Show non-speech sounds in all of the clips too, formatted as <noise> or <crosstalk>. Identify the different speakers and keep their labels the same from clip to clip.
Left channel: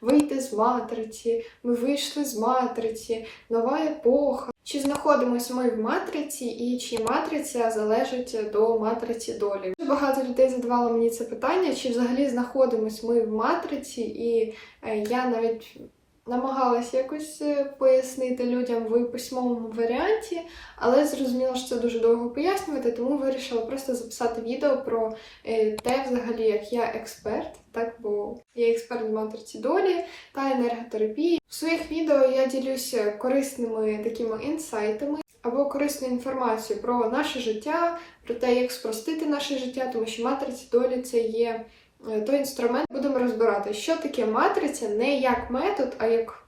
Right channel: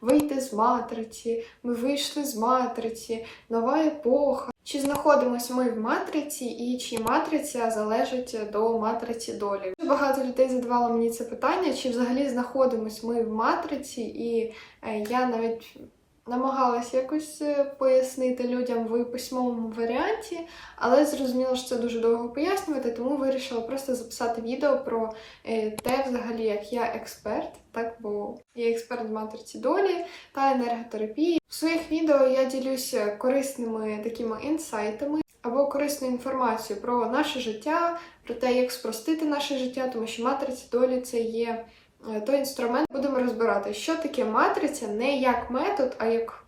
Speaker 1: вийти з матриці, ми вийшли з матриці, нова епоха. Чи знаходимося ми в матриці, і чи матриця залежить до матриці долі? Багато людей задавало мені це питання, чи взагалі знаходимось ми в матриці, і е, я навіть намагалась якось е, пояснити людям в письмовому варіанті, але зрозуміла, що це дуже довго пояснювати, тому вирішила просто записати відео про е, те, взагалі, як я експерт, так бо я експерт в матриці долі та енерготерапії. В своїх відео я ділюся корисними такими інсайтами або корисною інформацією про наше життя, про те, як спростити наше життя, тому що матриця долі це є той інструмент. Будемо розбирати, що таке матриця не як метод, а як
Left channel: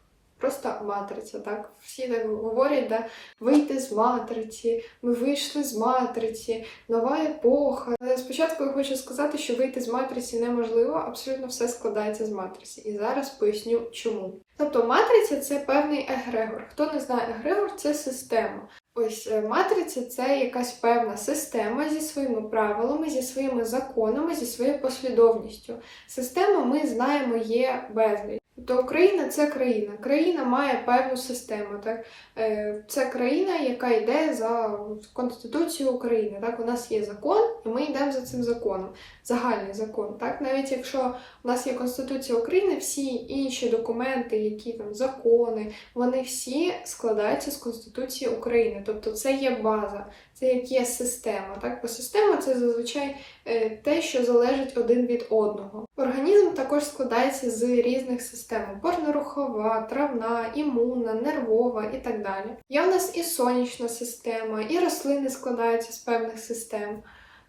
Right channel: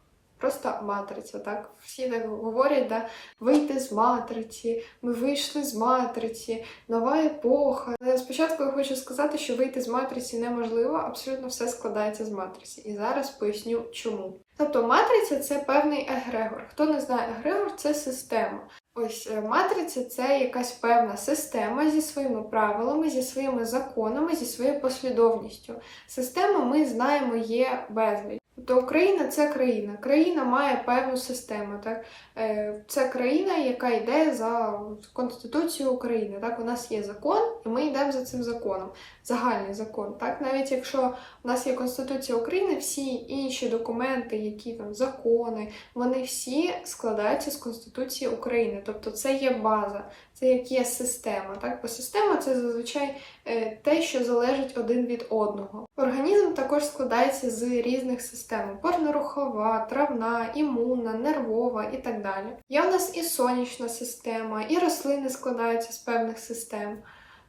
Speaker 1: просто матриця. Так всі так говорять, да? вийти з матриці, ми вийшли з матриці, нова епоха. Але спочатку я хочу сказати, що вийти з матриці неможливо, абсолютно все складається з матриці. І зараз поясню чому. Тобто матриця це певний егрегор. Хто не знає егрегор, це система. Ось е, матриця це якась певна система зі своїми правилами, зі своїми законами, зі своєю послідовністю. Система, ми знаємо, є безліч. Тобто Україна це країна. Країна має певну систему. Так? Е, Це країна, яка йде за Конституцією України. Так? У нас є закон, і ми йдемо за цим законом. Загальний закон. Так? Навіть якщо у нас є Конституція України, всі інші документи, які там закони, вони всі складаються з Конституції України. Тобто це є база, це як є система. Так? Бо система це зазвичай е, те, що залежить один від одного. Організм також складається з різних систем: опорно-рухова, травна, імунна, нервова і так далі. Є в нас і сонячна система, і рослини складаються з певних систем.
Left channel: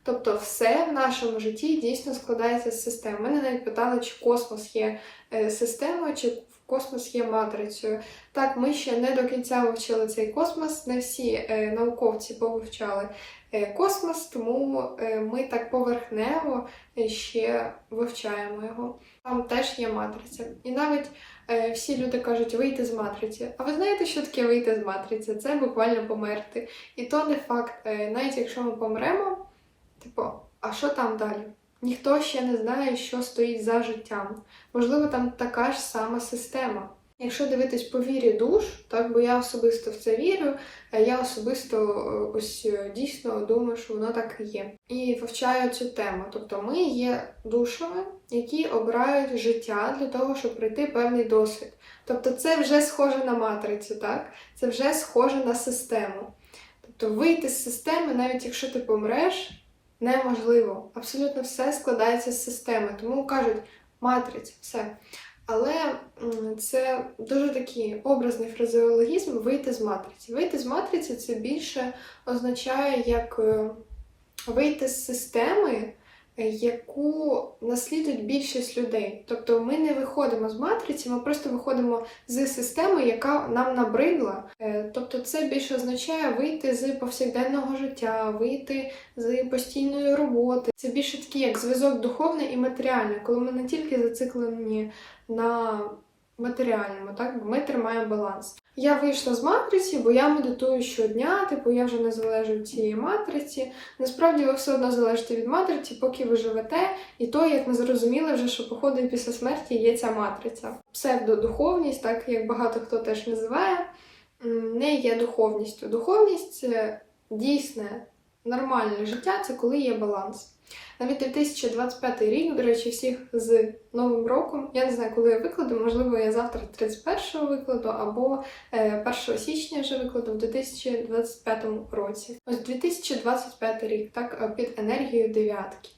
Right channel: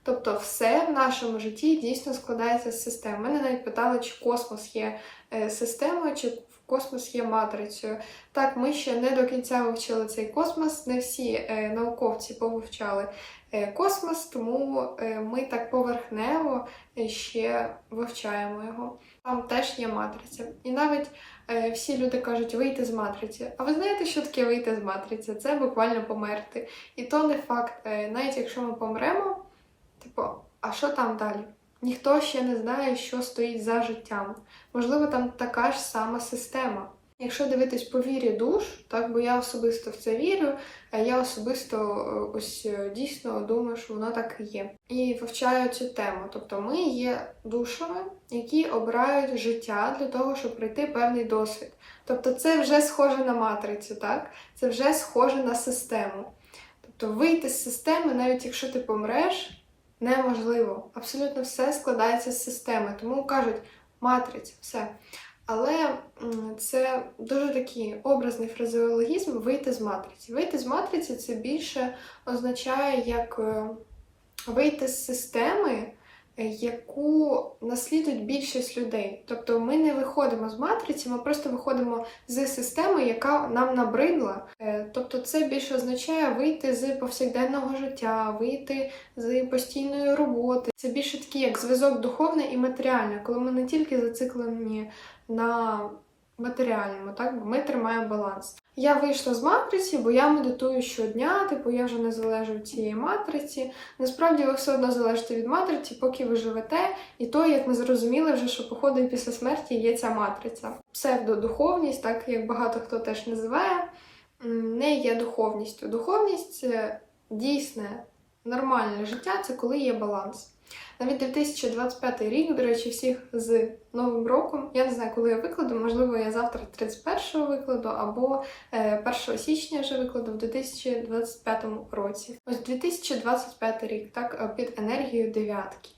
Speaker 1: Тобто все в нашому житті дійсно складається з систем. Мене навіть питали, чи космос є е, системою, чи космос є матрицею. Так, ми ще не до кінця вивчили цей космос, не всі е, науковці повивчали е, космос, тому ми так поверхнево ще вивчаємо його. Там теж є матриця. І навіть всі люди кажуть вийти з матриці. А ви знаєте, що таке вийти з матриці? Це буквально померти. І то не факт, навіть якщо ми помремо, типу, а що там далі? Ніхто ще не знає, що стоїть за життям. Можливо, там така ж сама система. Якщо дивитись по вірі душ, так бо я особисто в це вірю, я особисто е, ось е, дійсно думаю, що воно так і є. І вивчаю цю тему. Тобто ми є душами, які обирають життя для того, щоб пройти певний досвід. Тобто це вже схоже на матрицю, так? Це вже схоже на систему. Тобто вийти з системи, навіть якщо ти помреш, неможливо. Абсолютно все складається з системи. Тому кажуть матриця, все. Але це дуже такий образний фразеологізм вийти з матриці. Вийти з матриці це більше означає як е, вийти з системи, яку наслідують більшість людей. Тобто ми не виходимо з матриці, ми просто виходимо з системи, яка нам набридла. Е, Тобто це більше означає вийти з повсякденного життя, вийти з постійної роботи. Це більше такий як зв'язок духовний і матеріальний, коли ми не тільки зациклені на матеріальному, так ми тримаємо баланс. Я вийшла з матриці, бо я медитую щодня, типу я вже не залежу від цієї матриці. Насправді ви все одно залежите від матриці, поки ви живете, і то, як ми зрозуміли, вже що походу і після смерті є ця матриця. Псевдодуховність, так як багато хто теж називає, не є духовністю. Духовність це дійсне нормальне життя, це коли є баланс. Навіть 2025 рік, до речі, всіх з Новим роком. Я не знаю, коли я викладу, можливо, я завтра 31-го викладу, або е, 1 січня вже викладу в 2025 році. Ось 2025 рік, так, е, під енергією дев'ятки.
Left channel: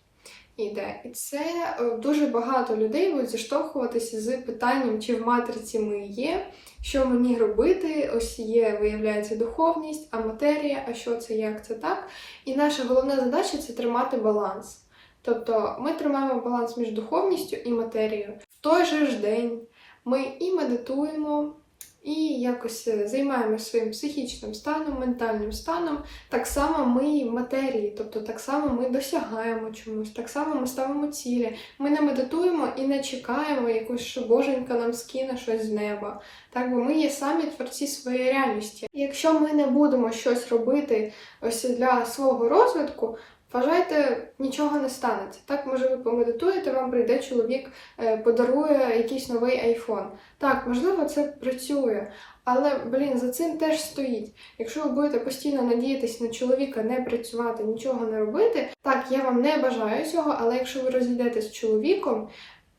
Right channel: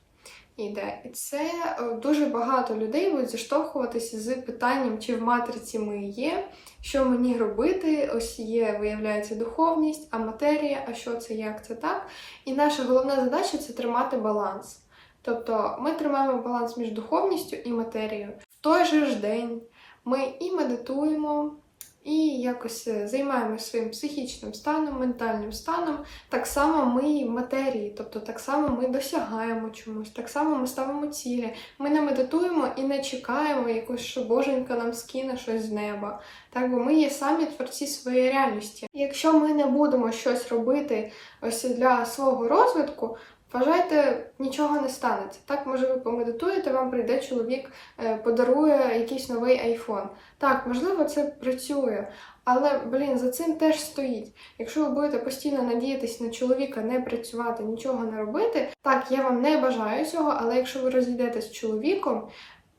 Speaker 1: Іде. І це е, дуже багато людей будуть зіштовхуватися з питанням, чи в матриці ми є, що мені робити. Ось є, виявляється, духовність, а матерія, а що це, як це так. І наша головна задача це тримати баланс. Тобто ми тримаємо баланс між духовністю і матерією. В той же ж день ми і медитуємо, і якось е, займаємося своїм психічним станом, ментальним станом. Так само ми в матерії, тобто так само ми досягаємо чомусь, так само ми ставимо цілі. Ми не медитуємо і не чекаємо якось, що боженька нам скине щось з неба. Так, бо ми є самі творці своєї реальності. Якщо ми не будемо щось робити ось для свого розвитку, Вважайте, нічого не станеться. Так, може, ви помедитуєте, вам прийде чоловік, е, подарує якийсь новий айфон. Так, можливо, це працює, але блін, за цим теж стоїть. Якщо ви будете постійно надіятись на чоловіка, не працювати, нічого не робити, так я вам не бажаю цього, але якщо ви розійдетесь з чоловіком,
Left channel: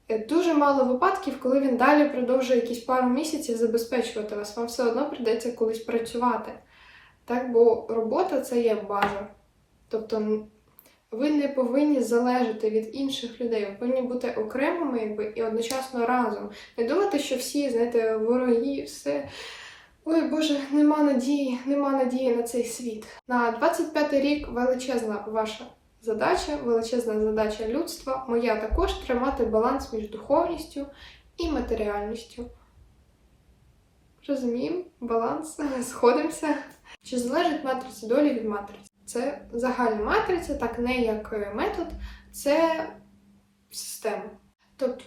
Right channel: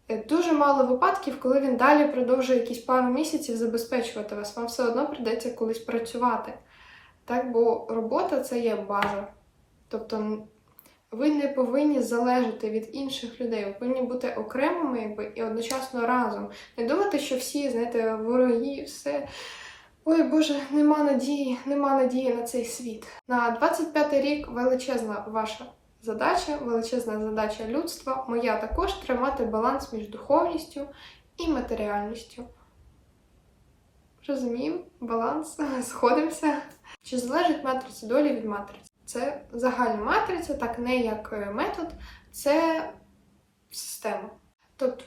Speaker 1: е, дуже мало випадків, коли він далі продовжує якісь пару місяців забезпечувати вас. Вам все одно прийдеться колись працювати. Так, бо робота це є база. Тобто ви не повинні залежати від інших людей, ви повинні бути окремими якби, і одночасно разом. Не думати, що всі, знаєте, вороги, все. Ой Боже, нема надії, нема надії на цей світ. На 25-й рік величезна ваша задача, величезна задача людства. Моя також тримати баланс між духовністю і матеріальністю. Розуміємо, баланс, <laughs> сходимося. Чи залежить матриця долі від матриці? Це загальна матриця, так не як е, метод, це система. Тобто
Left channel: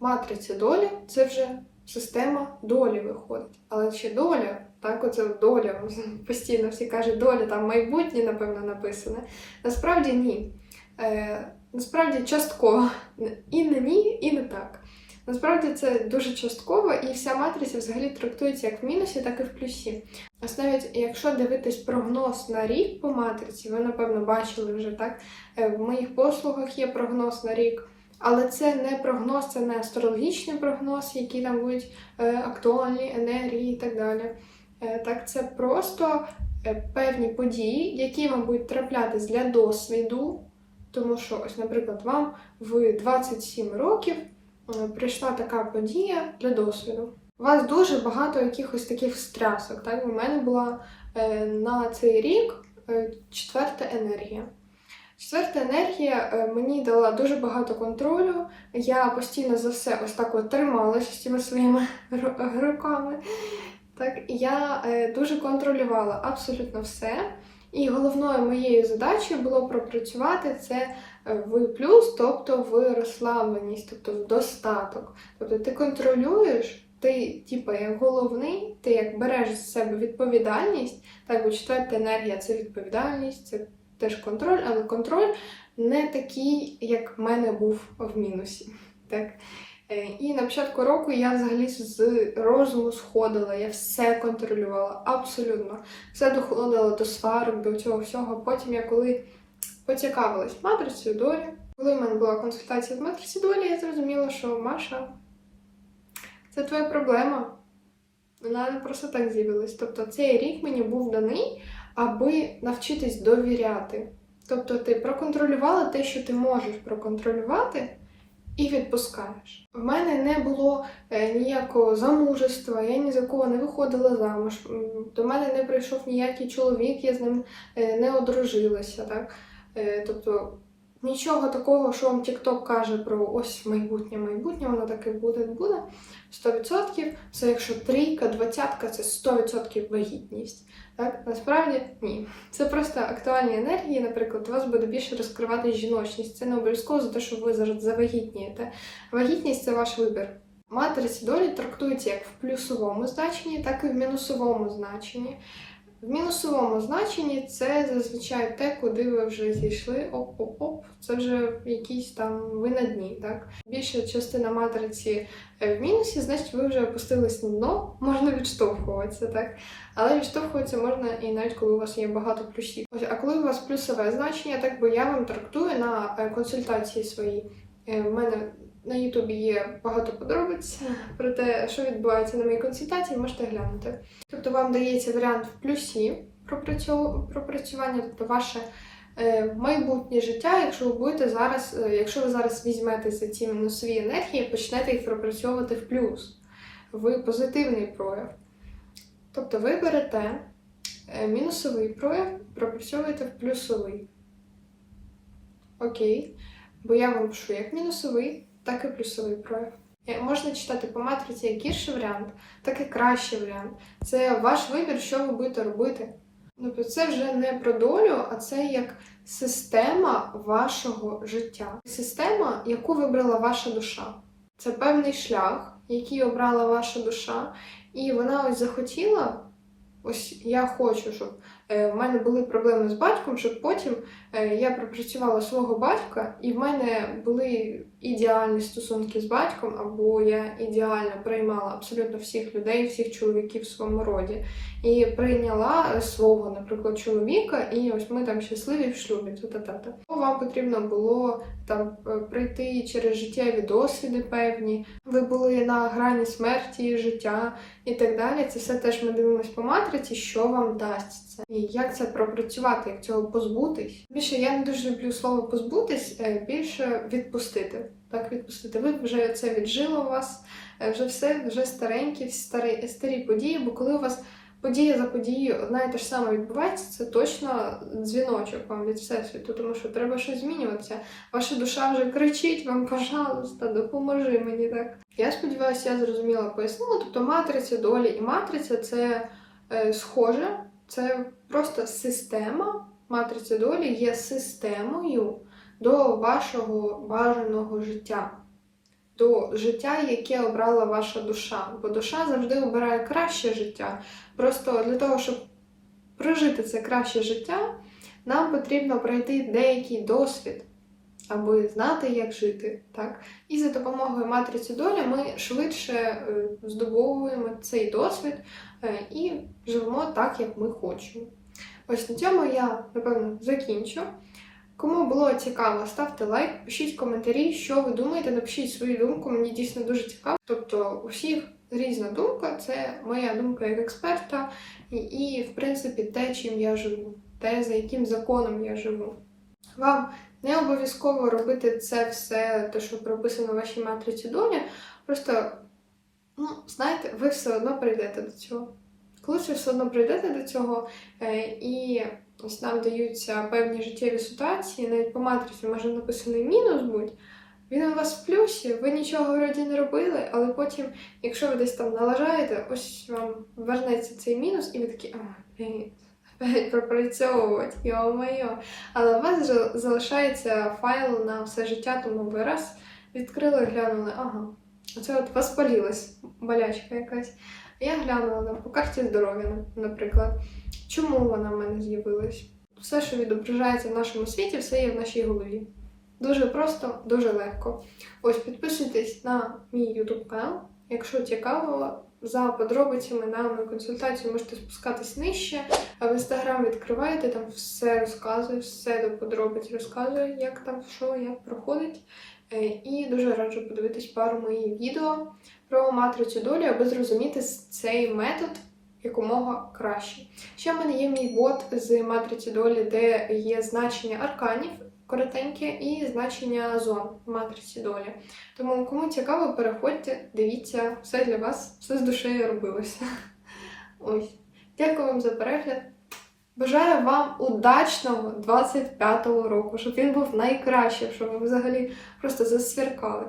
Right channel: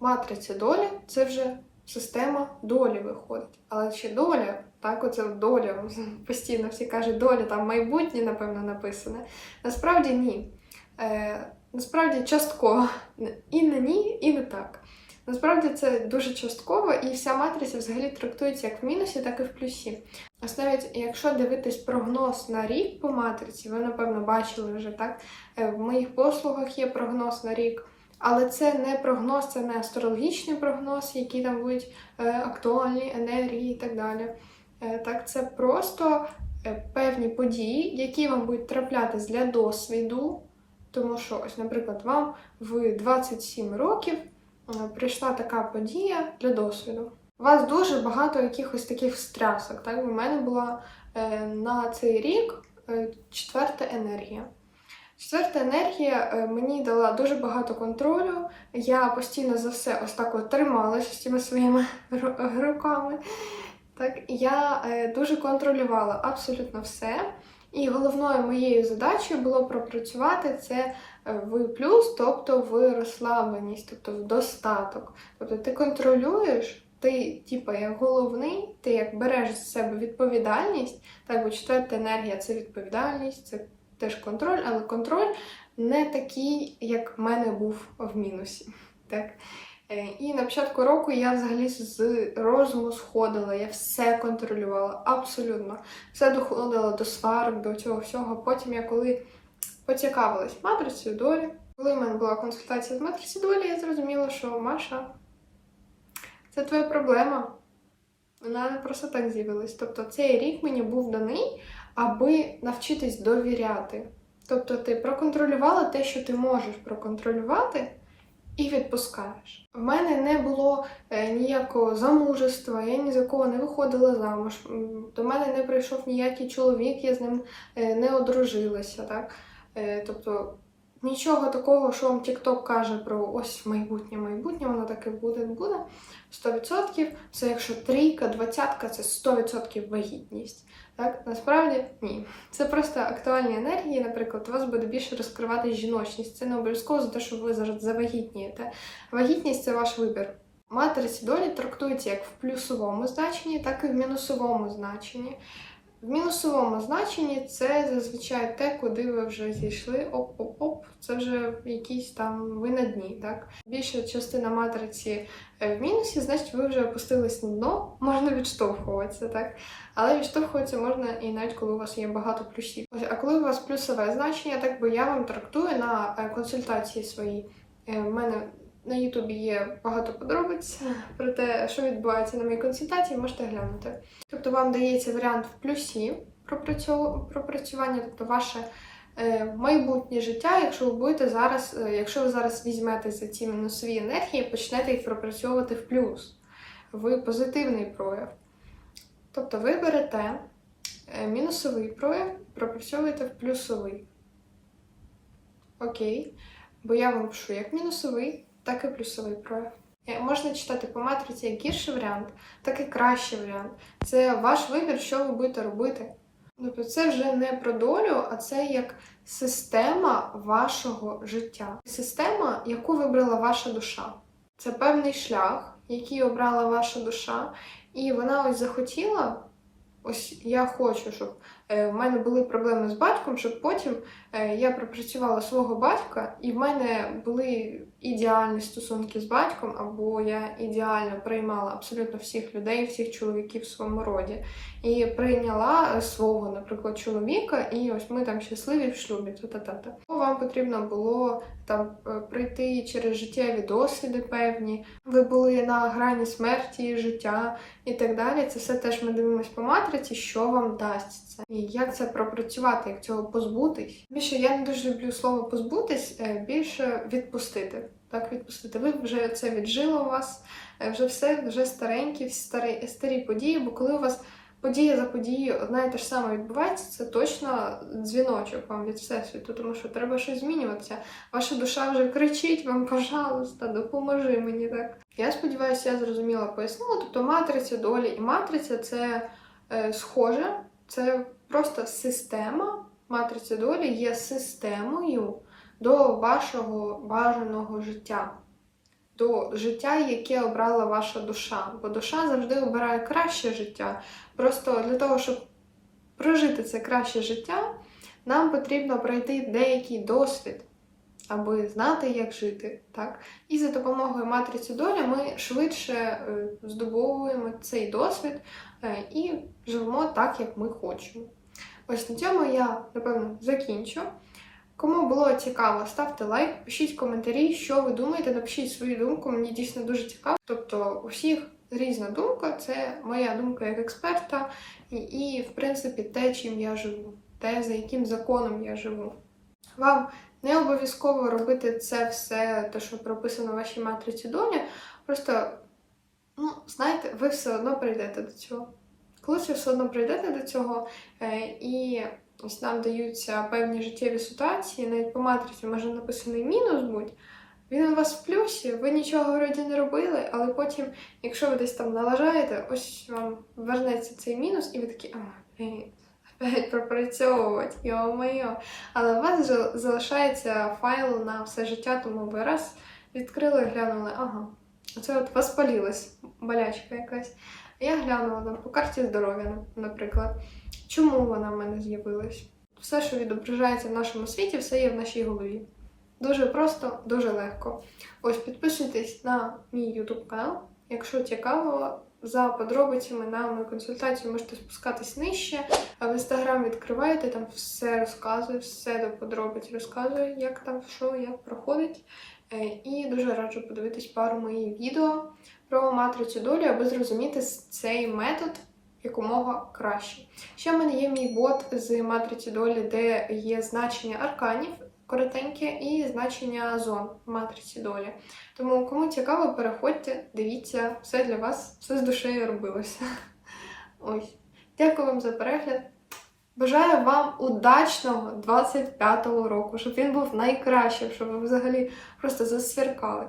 Speaker 1: матриця долі це вже система долі виходить. Але ще доля, так, оце доля, <laughs> постійно всі кажуть, доля там майбутнє, напевно, написане. Насправді ні. Е, насправді частково. І не ні, і не так. Насправді це дуже частково, і вся матриця взагалі трактується як в мінусі, так і в плюсі. Ось навіть якщо дивитись прогноз на рік по матриці, ви напевно бачили вже так. е, В моїх послугах є прогноз на рік, але це не прогноз, це не астрологічний прогноз, які там будуть е, актуальні енергії і так далі. Е, Так, це просто певні події, які вам будуть траплятись для досвіду. Тому що, ось, наприклад, вам в 27 років прийшла така подія для досвіду. У вас дуже багато якихось таких стрясок. Так? У мене була е, на цей рік е, четверта енергія. Четверта енергія е, мені дала дуже багато контролю. Я постійно за все ось так от трималася з цими своїми руками. Так, я е, дуже контролювала абсолютно все. І головною моєю задачею було пропрацювати це е, в плюс, тобто в розслабленість, тобто в достаток. Тобто ти контролюєш, ти, типу, як головний, ти як береш з себе відповідальність, так, бо четверта енергія це відповідальність, це теж контроль, але контроль не такий, як в мене був в мінусі. Так? Е, І на початку року я взагалі з розуму сходила, я все контролювала, абсолютно. Все доходило до сварок, до цього всього. Потім я коли поцікавилась матрицею долі, коли в мене була консультація з матриці долі, я зрозуміла, що Маша, це твоя проблема. Вона не просто так з'явилась. Тобто цей рік мені був даний, аби навчитись довіряти. Тобто ти проконтролювала те, що ти можеш проконтролювати, і відпускаєш. В мене не було е, ніякого замужества, я ні за кого не виходила замуж. До мене не прийшов ніякий чоловік, я з ним е, не одружилася. Так? Е, тобто нічого такого, що вам TikTok каже про ось майбутнє, майбутнє, воно таке буде, буде. 100%. Це якщо трійка, двадцятка, це 100% вагітність. Так, насправді ні. Це просто актуальні енергії. Наприклад, у вас буде більше розкривати жіночність. Це не обов'язково за те, що ви зараз завагітнієте. Вагітність це ваш вибір. Матриця долі трактується як в плюсовому значенні, так і в мінусовому значенні. В мінусовому значенні це зазвичай те, куди ви вже зійшли, оп-оп-оп, це вже якісь там ви на дні. Так? Більша частина матриці е, в мінусі, значить ви вже опустились на дно, можна відштовхуватися, так? Але відштовхуватися можна і навіть коли у вас є багато плюсів. Ось, а коли у вас плюсове значення, так би я вам трактую на е, консультації свої. Е, В мене на Ютубі є багато подробиць про те, що відбувається на моїй консультації, можете глянути. Тобто вам дається варіант в плюсі пропрацювання, тобто ваше е, майбутнє життя, якщо ви будете зараз, е, якщо ви зараз візьмете за ці мінусові енергії, почнете їх пропрацьовувати в плюс, в позитивний прояв. Тобто ви берете е, мінусовий прояв, пропрацьовуєте в плюсовий. Окей. Бо я вам пишу як мінусовий, так і плюсовий прояв. Можна читати по матриці як гірший варіант, так і кращий варіант. Це ваш вибір, що ви будете робити. Тобто це вже не про долю, а це як система вашого життя. Система, яку вибрала ваша душа. Це певний шлях, який обрала ваша душа, і вона ось захотіла. Ось я хочу, щоб е, в мене були проблеми з батьком, щоб потім я пропрацювала свого батька, і в мене були ідеальні стосунки з батьком, або я ідеально приймала абсолютно всіх людей, всіх чоловіків в своєму роді. І прийняла е, свого, наприклад, чоловіка, і ось ми там щасливі в шлюбі. Та-та-та-та. Вам потрібно було там е, пройти через життєві досвіди певні. Ви були на грані смерті, життя і так далі. Це все теж ми дивимося по матриці, що вам дасть це. І як це пропрацювати, як цього позбутись. Більше я не дуже люблю слово позбутись, е, більше відпустити. Так, відпустити. Ви вже це віджило у вас, е, вже все, вже старенькі, старі, старі події, бо коли у вас подія за подією одна і те ж саме відбувається, це точно дзвіночок вам від всесвіту, тому що треба щось змінюватися. Ваша душа вже кричить вам, пожалуйста, допоможи мені так. Я сподіваюся, я зрозуміла пояснила. Тобто матриця долі і матриця це е, схоже, це просто система. Матриця долі є системою до вашого бажаного життя, до життя, яке обрала ваша душа. Бо душа завжди обирає краще життя. Просто для того, щоб прожити це краще життя, нам потрібно пройти деякий досвід, аби знати, як жити. Так? І за допомогою матриці долі ми швидше е, здобовуємо цей досвід е, і живемо так, як ми хочемо. Ось на цьому я, напевно, закінчу. Кому було цікаво, ставте лайк, пишіть коментарі, що ви думаєте, напишіть свою думку, мені дійсно дуже цікаво. Тобто, у всіх різна думка, це моя думка як експерта, і, і в принципі, те, чим я живу, те, за яким законом я живу. Вам не обов'язково робити це все, те, що прописано в вашій матриці долі. Просто, ну, знаєте, ви все одно прийдете до цього. Колись ви все одно прийдете до цього, е, і ось нам даються певні життєві ситуації, навіть по матриці може написаний мінус будь. Він у вас в плюсі, ви нічого вроді не робили, але потім, якщо ви десь там налажаєте, ось вам вернеться цей мінус, і ви такі, а, опять пропрацьовувати, йо-моє. Але у вас залишається файл на все життя, тому ви раз відкрили, глянули, ага, оце от воспалілась болячка якась. Я глянула там по карті здоров'я, наприклад. Чому вона в мене з'явилась? Все, що відображається в нашому світі, все є в нашій голові. Дуже просто, дуже легко. Ось підписуйтесь на мій YouTube канал. Якщо цікаво, за подробицями на мою консультацію можете спускатись нижче, а в інстаграм відкриваєте, там все розказую, все до подробиць розказую, як там що, як проходить. Е, І дуже раджу подивитись пару моїх відео про матрицю долі, аби зрозуміти цей метод якомога краще. Ще в мене є мій бот з матриці долі, де є значення арканів коротеньке і значення зон в матриці долі. Тому, кому цікаво, переходьте, дивіться, все для вас, все з душею робилося. <laughs> Ось. Дякую вам за перегляд. Бажаю вам удачного 25-го року, щоб він був найкращим, щоб ви взагалі просто засвіркали.